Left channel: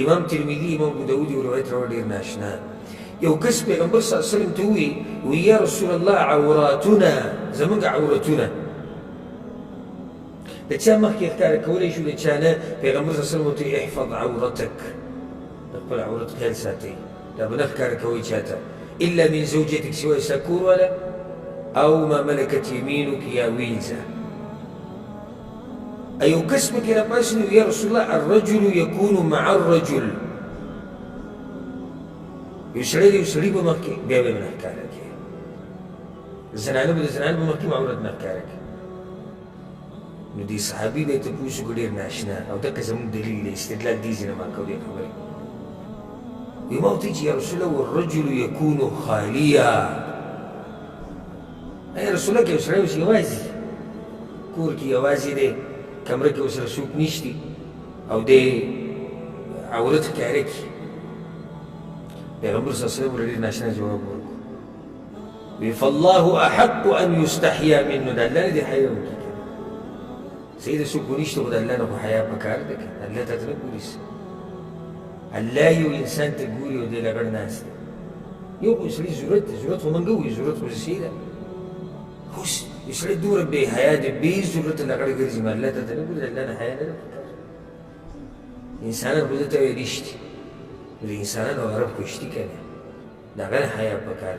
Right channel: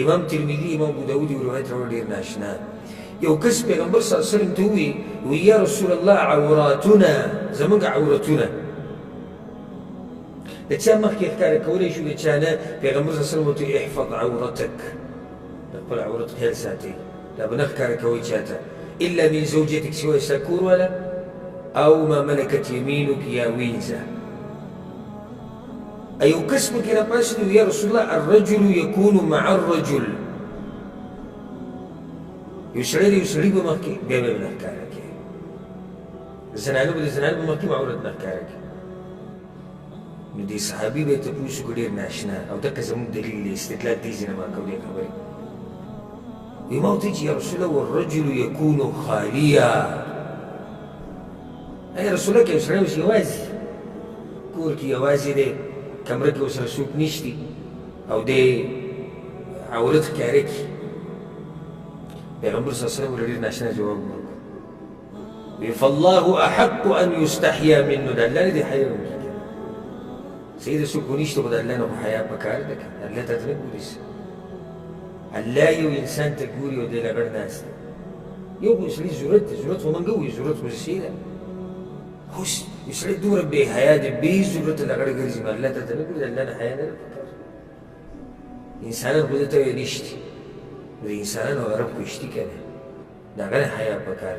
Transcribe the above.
امام ترمذي امام ابو داود روایت راوړ ډیر ناشنا یو کس پیغمبر صلی الله علیه وسلم ته وی یا رسول الله عوراتنا زمونږ عورتونه د چا مخکې ښکاره کولی شو د چا نه پیغمبر صلی الله علیه وسلم ورته احفظ عورتک د خپل عورت خیال ساتئ دا به نه ښکاره کوئ چاته الا من زوجتك سوى ستا کور والا او ما ملكت يمينك یا ویزه ایو کس پکې راپاسېد یا رسول الله الرجل يكون مع الرجل یو سړی د یو سړي په مخ کې بیا به یې نه ښکاره کړي زنانه به د زنانه په مخ کې عورت نه ښکاره کړي نو دې صحابي به یې تپوس وکړو ډېر ناشنا او دقه زموږ دلیل دی استدلال دې ځینې ما کو دې خبرې وی ما ورته چې یا رسول الله والرجل يكون خالیا ای رسول الله که یو سړی اوس یوازې کور کې یوازې دی کمره کې ورسره څوک نشتي او دی عورت ښکاره کړي پیغمبر صلی الله علیه وسلم ډېر ناشنا جواب ورکړو وی فالله احق ان یستحیا منه د الله نه دې حیا وکړي صحیح ده څوک ونشته خو د الله نه خو حیا پکار ده که الله ته نه ګوري الله یو انسان ته ګوري او دی لګړ ناست یو خو سړي ضرورت دی ضرورت خو موږ وایو ضرورت خو صحیح ده خو یو سړی دومره بې حیا دی بې ضرورته لګړ ګرځي نو الله ته نه ګوري د الله نه حیا نه ده پکار انسانان خو دې ته وایي رښتي د انسانانو غرب خو اشتي که نه د هغه نه حیا پکار